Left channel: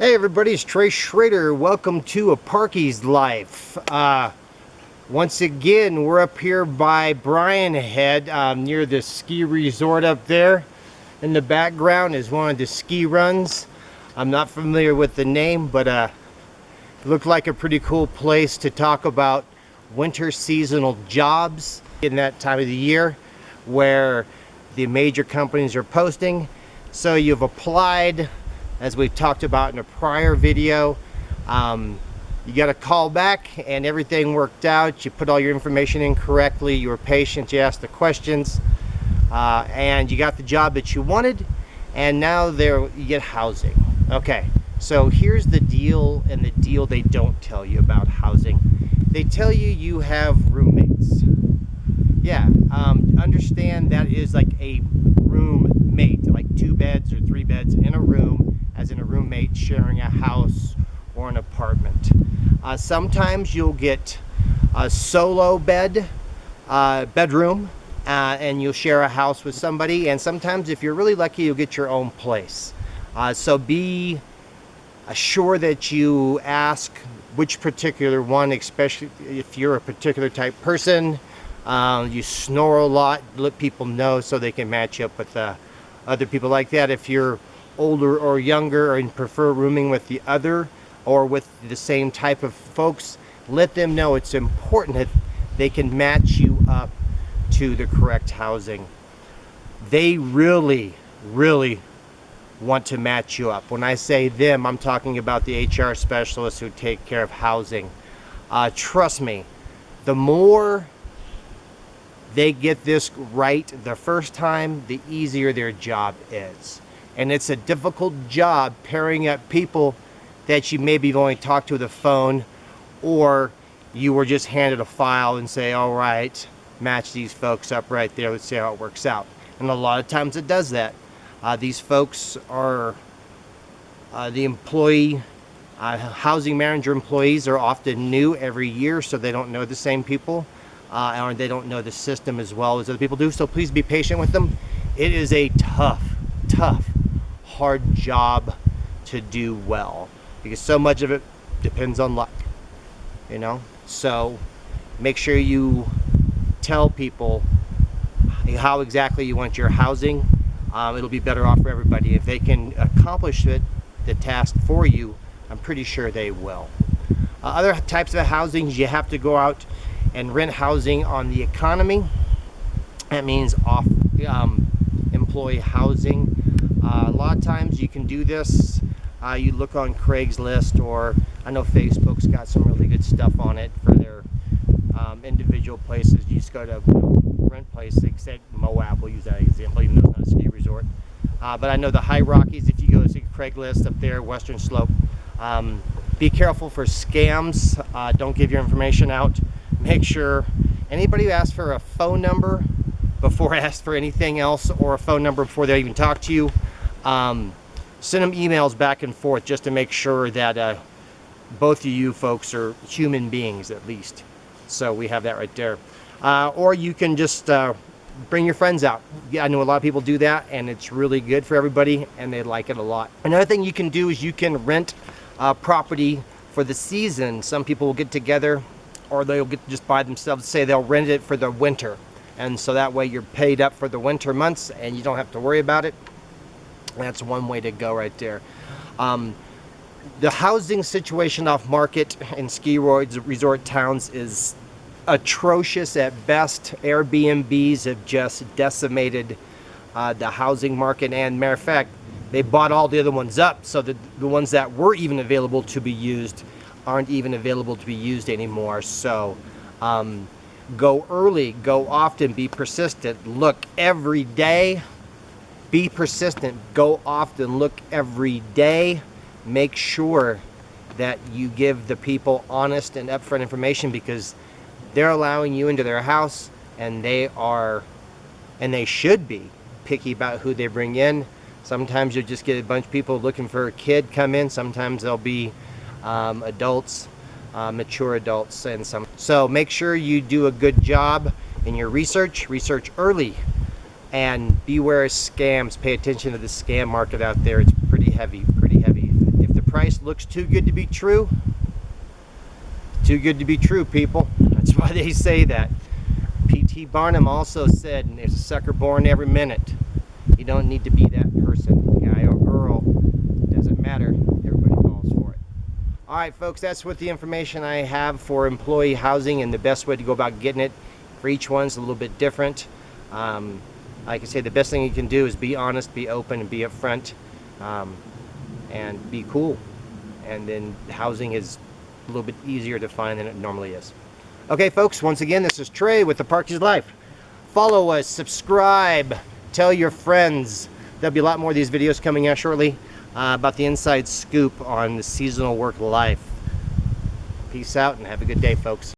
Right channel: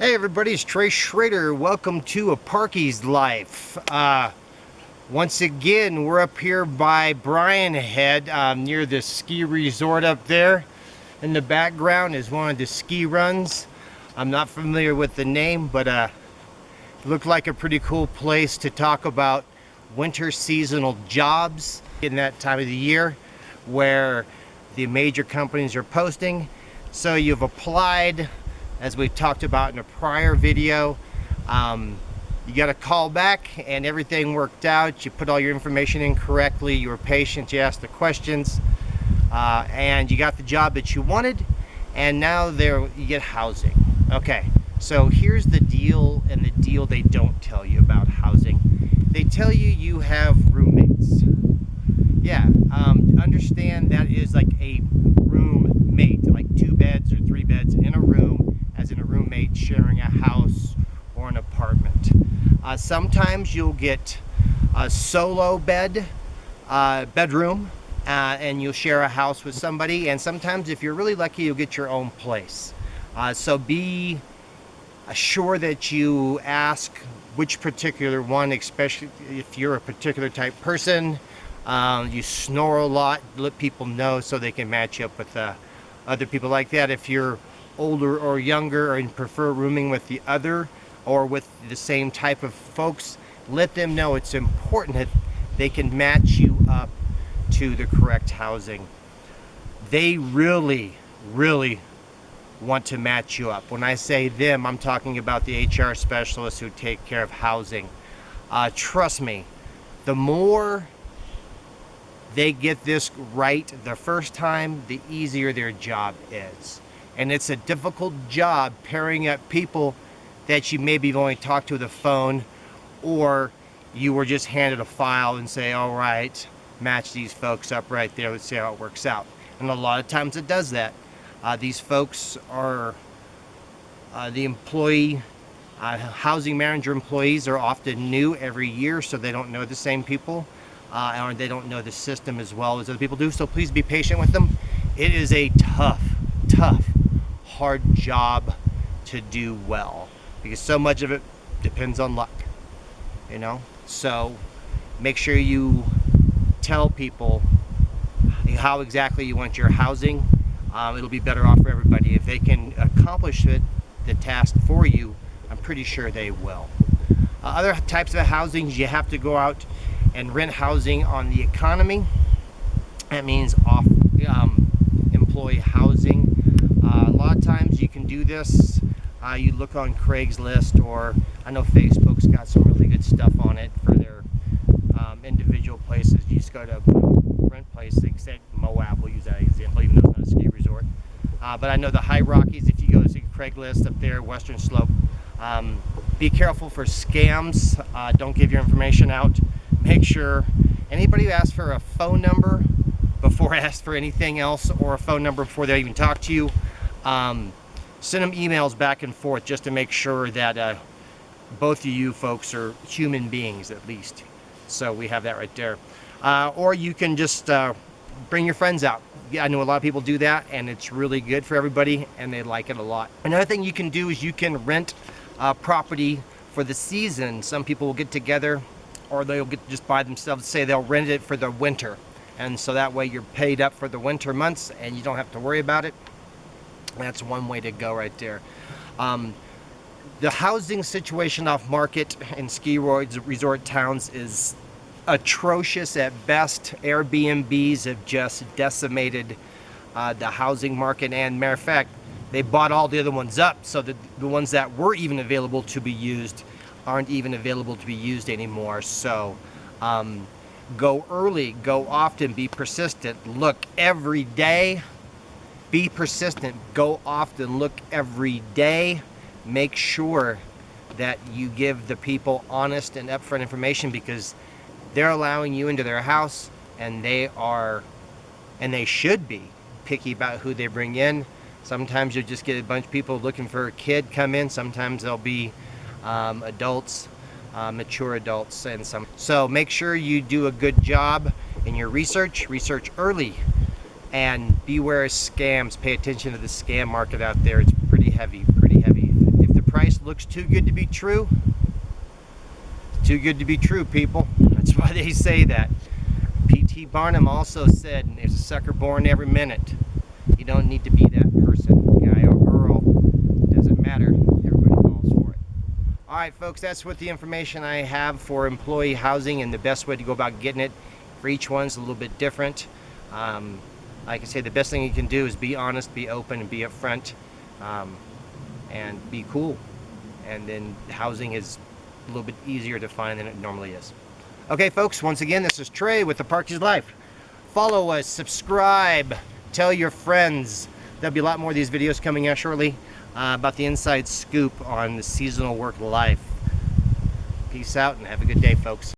Hey everybody, it's Trey Schrader. Welcome to a Parkies Life. Once again, we're up here by Bryan Head, near the ski resort up there. In the background is one of the ski runs. I'm not familiar with the name, but it looked like a pretty cool place to talk about winter seasonal jobs in that time of the year where the major companies are posting. So you've applied, as we talked about in a prior video. You got a call back and everything worked out. You put all your information in correctly. You were patient. You asked the questions, and you got the job that you wanted. And now you get housing. Okay, so here's the deal, and the deal they don't tell you about housing. They tell you you have roommates. Yeah, understand that is like a roommate, like 2 beds or 3 beds in a room, as in a roommate sharing a house or an apartment. Sometimes you'll get a solo bedroom, and you'll share a house with somebody. And sometimes, if you're really lucky, you'll get your own place. So be sure that you ask which particular one, especially if you're a particular type person. You snore a lot, let people know so they can match you up with other people like that. If you're older or younger and prefer rooming with the other or with the same type of folks, let them know it's important that they can match you up to the correct housing. They really want to match you up. When I say them, I'm talking about the HR specialists who take care of housing. Trust me, the more they get this right the first time, the easier their job is. And it's a difficult job pairing up people that you maybe only talked to the phone, or you were just handed a file and say, all right, match these folks up right there, let's see how it works out. And a lot of times it does that. These folks are the employee, housing manager employees are often new every year, so they don't know the same people. Or they don't know the system as well as other people do. So please be patient with them. It is a tough, hard job to do well, because so much of it depends on luck, So make sure you tell people how exactly you want your housing. It'll be better off for everybody. If they can accomplish the task for you, I'm pretty sure they will. Other types of housing, you have to go out and rent housing on the economy. That means off employee housing. A lot of times you can do this. You look on Craigslist, or I know Facebook's got some really good stuff on it for their individual places. You just go to rent places, except Moab, we'll use that example, even though it's not a ski resort. But I know the High Rockies, if you go to Craigslist up there, Western Slope, be careful for scams. Don't give your information out. Make sure anybody who asks for a phone number before asks for anything else, or a phone number before they even talk to you, send them emails back and forth just to make sure that both of you folks are human beings at least. So we have that right there. Or you can just bring your friends out. Yeah, I know a lot of people do that, and it's really good for everybody, and they like it a lot. Another thing you can do is you can rent property for the season. Some people will get together, or they'll get just by themselves, say they'll rent it for the winter. And so that way you're paid up for the winter months and you don't have to worry about it. That's one way to go right there. The housing situation off market in ski resort towns is atrocious at best. Airbnbs have just decimated the housing market, and matter of fact, they bought all the other ones up, so that the ones that were even available to be used aren't even available to be used anymore. So go early, go often, be persistent, look every day. Be persistent, go often, look every day. Make sure that you give the people honest and upfront information, because they're allowing you into their house, and they should be picky about who they bring in. Sometimes you'll just get a bunch of people looking for a kid come in. Sometimes they'll be adults, mature adults, and so make sure you do a good job in your research early. And beware of scams. Pay attention to the scam market out there. It's pretty heavy, pretty heavy. If the price looks too good to be true, it's too good to be true, people. That's why they say that. P.T. Barnum also said, and there's a sucker born every minute. You don't need to be that person, guy or girl. Doesn't matter. Everybody falls for it. All right, folks, that's what the information I have for employee housing and the best way to go about getting it. For each one's a little bit different. Like I say, the best thing you can do is be honest, be open, and be upfront, and be cool. And then housing is a little bit easier to find than it normally is. Okay, folks, once again, this is Trey with the Parkies Life. Follow us, subscribe, tell your friends. There'll be a lot more of these videos coming out shortly about the inside scoop on the seasonal work life. Peace out and have a good day, folks.